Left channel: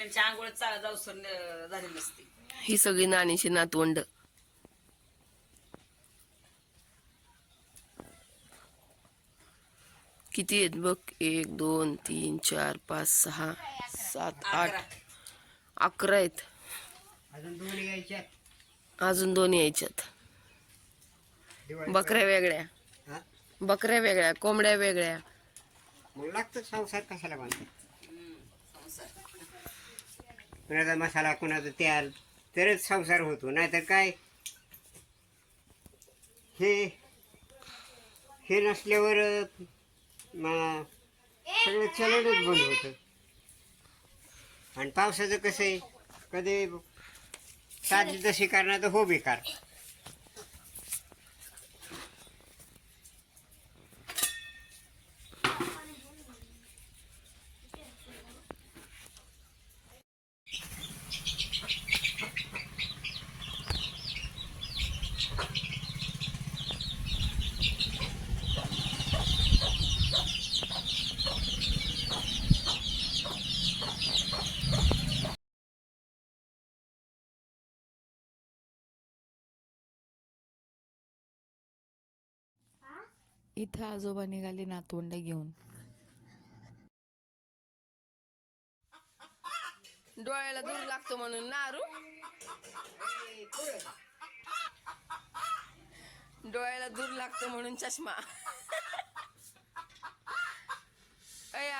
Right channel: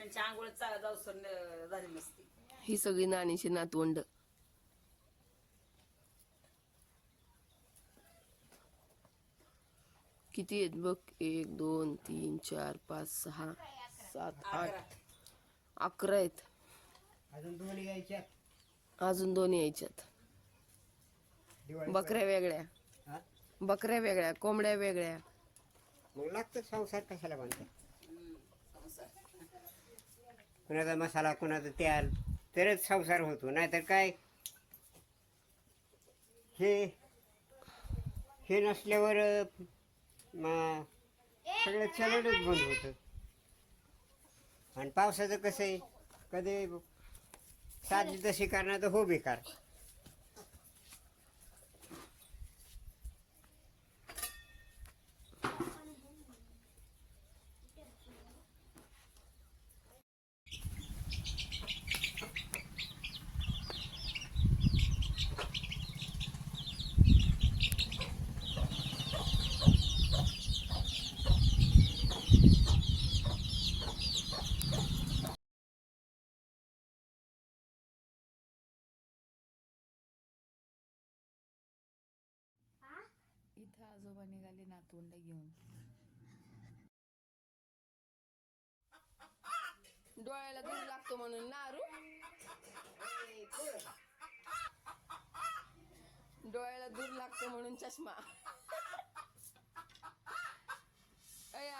आंघोळ झाली नसती. ही सगळी नानीची नातवंड. किती आहेत बघ? एक दोन तीन चार पाच सहा सात आठ. अकरा आहेत. अजून दोन यायच्या अजून दोन यायच्यात. दिवाळी बकऱ्या वेगळ्या. हा? बकऱ्या वेगळ्या कोंबड्या वेगळ्या. मग लागतं संसार कशाला बांधतात. कुणाचा मसाला कुणाचं तेल तरच संसार होतो. नाहीतर काय? हे हे नसल्यावर सगळं चलनच बंद होतं. आणि पावसाचं कसं आहे? कधी साधी जशी करणार तर हो बेकार. इथं आजोबा निघाले नातवंड घेऊन. डोळ्याला दूर लागतो म्हणून नारू डोळ्याला दूर लागतो म्हणून चष्मा. अय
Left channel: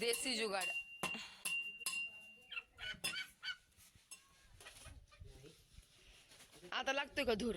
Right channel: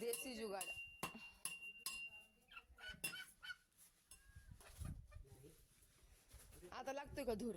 देसी जुगाड. आता लागतोय का धूर?